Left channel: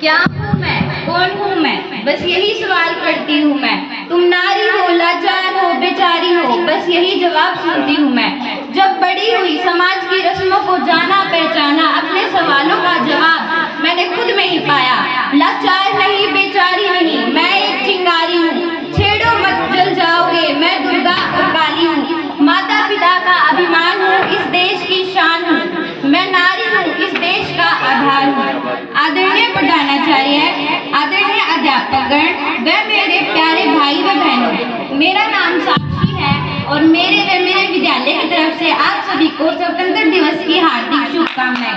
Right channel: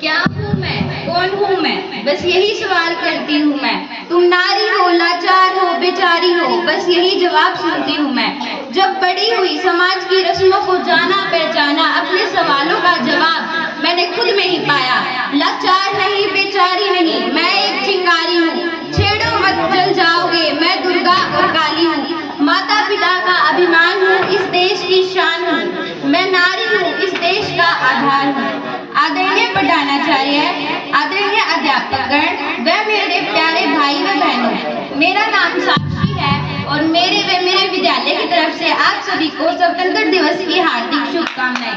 क्या हूँ मैं, कौन हूँ मैं, बस यही सवाल करती हूँ मैं। तुम नारी हो, लाचार हो, बेचारी हो, बस यही जवाब सुनती हूँ मैं। जब बड़ी हुई समाज की रस्मों को जाना पहचाना, अपने सवालों का जवाब मैंने खुद में ही पाया। लाचार नहीं, बेचारी नहीं, मैं एक चिंगारी हूँ। छेड़ो मत, जल जाओगे, मैं दुर्गा और काली हूँ। माता पिता का अभिमान हूँ, इस देश की शान हूँ। मैं नारी हूँ, इस देश का आधार हूँ। आदरणीय प्रधानाचार्य, आदरणीय अध्यापकगण व मेरे प्यारे भाई व बहनों, मेरा नाम साक्षी है और मेरे विद्यालय की तरफ से आप सभी को स्वतंत्रता दिवस की हार्दिक शुभकामनाएं।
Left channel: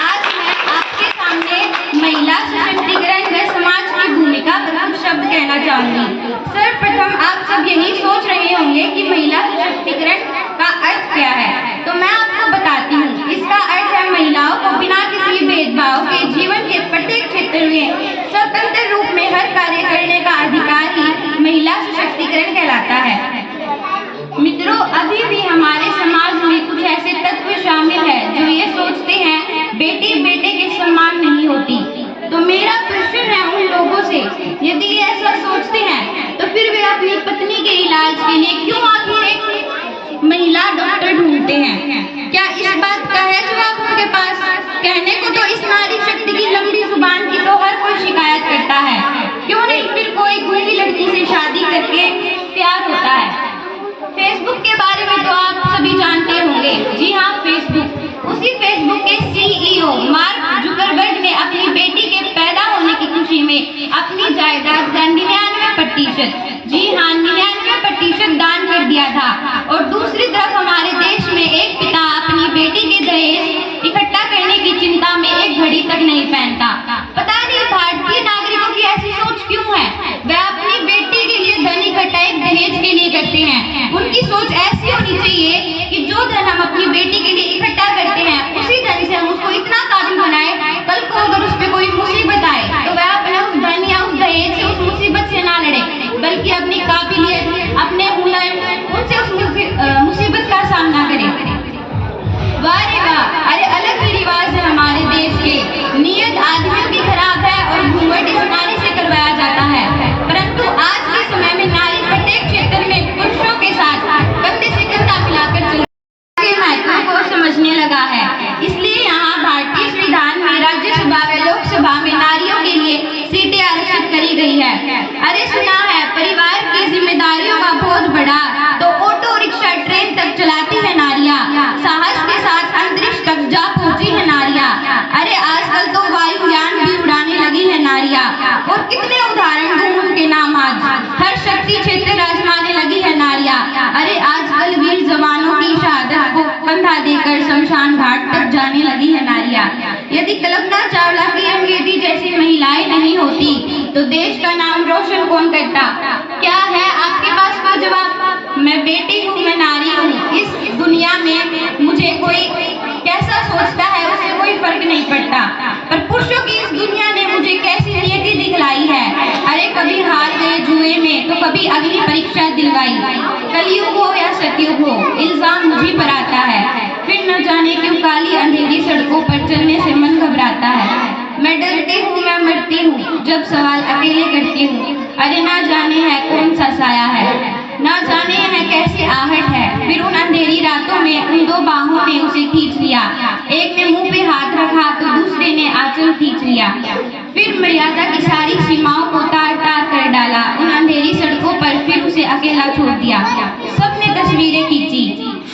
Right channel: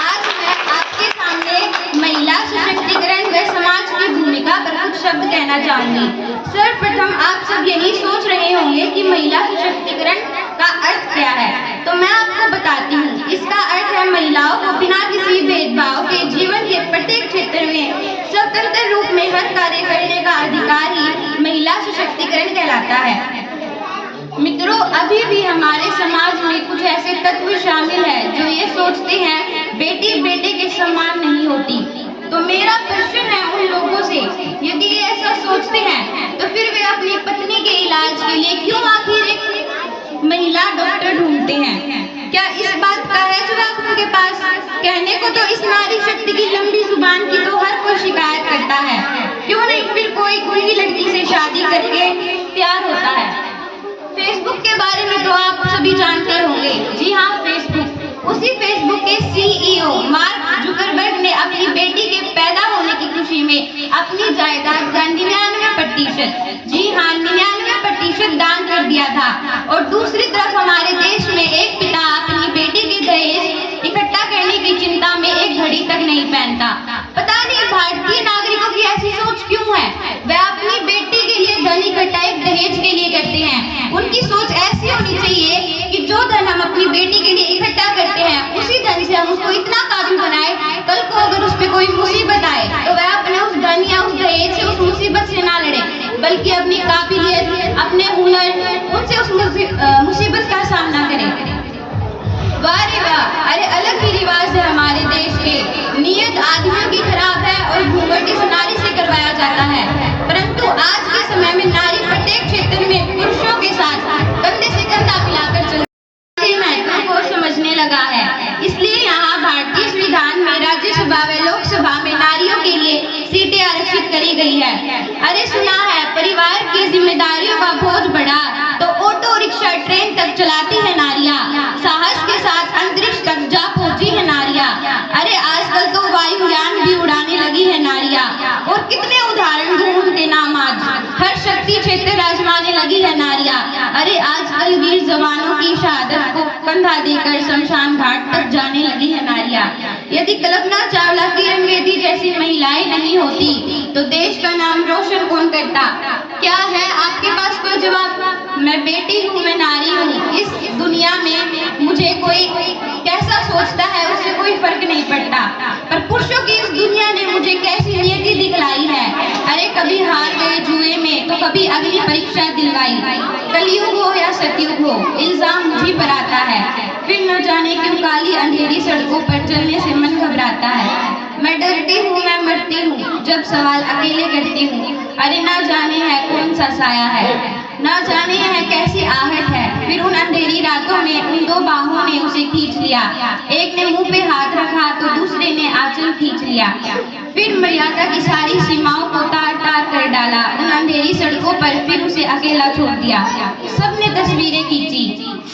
आज मैं आपके सामने महिला सशक्तिकरण व समाज की भूमिका पर कुछ शब्द कहना चाहूंगी। सर्वप्रथम आप सब यही सोच रहे होंगे कि महिला सशक्तिकरण का अर्थ क्या है, तो मैं आपको बताती हूँ। इसका अर्थ है महिलाओं को बिना किसी भेदभाव के जीवन के प्रत्येक क्षेत्र में स्वतंत्र रूप में हर कार्य करने का अधिकार ही महिला सशक्तिकरण कहलाता है। मित्रों, अभी भी हमारे समाज में कुछ ऐसे तत्व शामिल हैं जो ये सोचते हैं बेटी बेटे के समान नहीं होती। तो मेरा प्रश्न है उन लोगों से, यदि ये ऐसा सोचते हैं तो फिर वे अपनी पत्नी के इलाज के लिए क्यों आखिर एक महिला डॉक्टर ढूंढते हैं? क्या इस बात का है जवाब उनके पास? कहने को तो इस नारी शक्ति की लंबी जुबान की तो हर कोई शिकायत करता है, क्यों नहीं फिर कोई गूंगी लड़की से शादी करके प्यार होता है। फेसबुक के बारे में तो आप सभी जानते होंगे। जी हाँ, फेसबुक, उसी फेसबुक के सीईओ मार्क जुकरबर्ग ने अपनी बेटी के पैदा होने की खुशी में अपनी जायदाद का 99%, जी हाँ 99% दान कर दिया था। और दूसरी तरफ हमारे देश में एक पिता अपनी बेटी के दहेज इकट्ठा करने की चिंता में एक घड़ी तक नहीं पहनता। पता नहीं भारतीय नागरिकों की ऐसी सोच क्यों है? वह अपनी बेटी के लिए धन इकट्ठा एक दहेज के लिए करते हैं। उनकी सोच ऐसी होनी चाहिए कि जो धन हम अपनी बेटी के लिए इकट्ठा करते हैं उसी धन से हम उसको इतना काबिल बनाए, कल को अगर उस पर कोई मुसीबत आए तो वह अपने उस धन या उस दहेज से उस मुसीबत से ना लड़े, बल्कि अपनी काबिलियत, अपने हुनर, उनसे उस मुसीबत का सामना करें। वाह रे वाह, अरे अलग ही रिवाज है हमारे देश के। नियत आदमियों की खराब है और घूंघट इस नारी से करवाया जाता है। परंतु आज के समय में नारी प्रत्येक क्षेत्र में पुरुषों के साथ कंधे से कंधा मिलाकर चलने के महत्व को समझने लगा है। इसलिए यहाँ भारतीय संविधान में राज्यसभा व लोकसभा में नारियों के लिए सीटें आरक्षित करी गई है। अरे सुना है परिवार की जिम्मेदारियों का बोझ बढ़ा तो ऑटो रिक्शा ट्रेन तक चलाती है नारियां, साहस के साथ अंतरिक्ष तक जा पहुंची है नारियां। अरे आजकल तो वायुयान भी उड़ाने लगी है नारियां, और कितने उदाहरण दूं उनके नाम आज। हर शक्ति क्षेत्र आजमाने लगी है नारियां। अरे आजकल वीर जवानों की शहादत को कंधा देकर शमशान घाट तक जाने लगी है नारियां। यदि कल्पना चावला, किरण बेदी जैसी महिलाएं नहीं होती तो देश का नाम रोशन कौन करता? क्या है आपके पास कोई जवाब? मैं बेटी हूँ, मैं नारी हूँ। इस दुनिया में मुझे कोई कैसा सोचता है उससे कोई फर्क नहीं पड़ता, पर पुरुषों की इस दुनिया ने मुझे कैसी नियति दिखलाई है। अरे कभी हार गए जुए में तो कभी अगली परीक्षा दिलवाई। कलयुग हो या सतयुग हो, इल्जाम मुझी पर आता है। फिर न जाने क्यों काली अंधेरी सड़कों पर चलने से मन घबराता है। मैं डरती हूँ, मैं मरती हूँ जब सवाल अकेले करती हूँ। अरे ना जाने है कौन सा साया है, ना जाने है कैसी आहट है। फिर उन अंधेरी रातों में उन दो बाहों ने उसे खींच लिया। एक ने मुंह पे हाथ रखा तो दूसरे ने आंचल खींच लिया। फिर मर्यादा की सारी सीमाओं को तार तार कर डाला। उन अंधेरी सड़कों पर फिर उसे अकेला छोड़ दिया। सबने तस्वीरें खींची,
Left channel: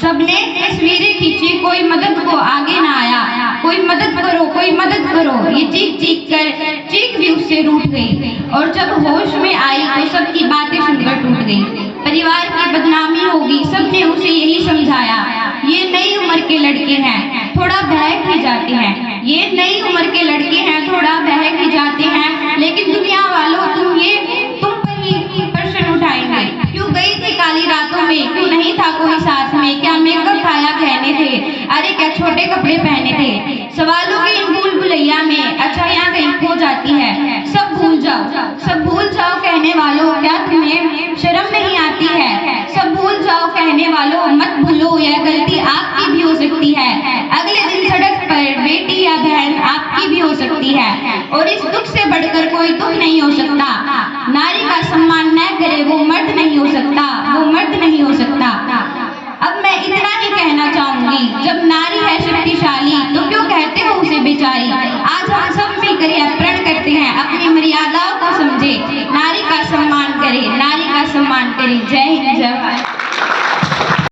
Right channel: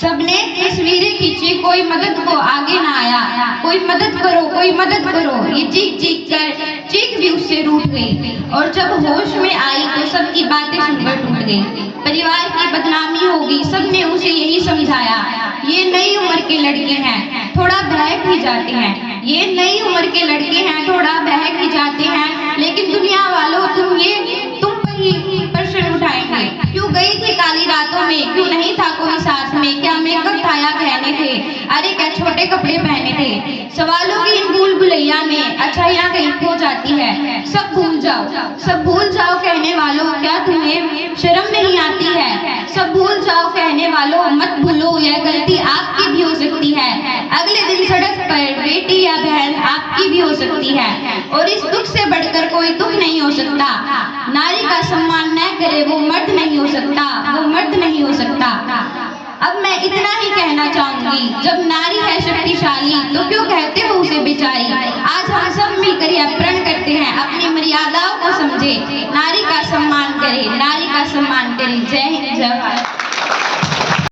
सबने तस्वीरें खींची, कोई मदद को आगे ना आया। कोई मदद करो, कोई मदद करो, ये चीख चीख कर चीख भी उससे रूठ गई। और जब होश में आई तो सबकी बातें सुनकर टूट गई। परिवार की बदनामी होगी, सबने उसे यही समझाया। ये नई उम्र के लड़के हैं, थोड़ा बहक भी जाते हैं। ये नई उम्र के लड़के हैं, थोड़ा बहक भी जाते हैं, लेकिन दुनिया वालों तुम पर ही प्रश्न उठाएंगे। क्यों गई थी काली रातों में, क्यों नहीं था कोई साथ में? क्या मेकअप था या गहने थे? अरे क्या छोटे कपड़े पहने थे? सवालों की इन भूल भुलैया में अच्छा यहाँ कहीं खो जाती है। सब भूल जाओ, सब भूल जाओ कहने वालों, क्या तुम्हें शर्म नहीं आती है? सब भूल जाओ कहने वालों, मत भूलो यह गलती आपकी भी हो सकती है। अगले दिन सड़क पर बेटी या बहन आपकी भी हो सकती है, और इस दुख से बढ़कर कोई दुख नहीं हो सकता। नारी का सम्मान न करे वो मर्द नहीं हो सकता, वो मर्द नहीं हो सकता। अब मैं इतना ही कहना चाहूंगी, जब नारी है शक्तिशाली तो क्यों कहते हो उसे बेचारी। आज हम सब मिलकर यह प्रण करते हैं, अपनी मर्यादाओं को समझे, नारी का सम्मान करें, नारी का सम्मान करें। जय हिंद, जय भारत।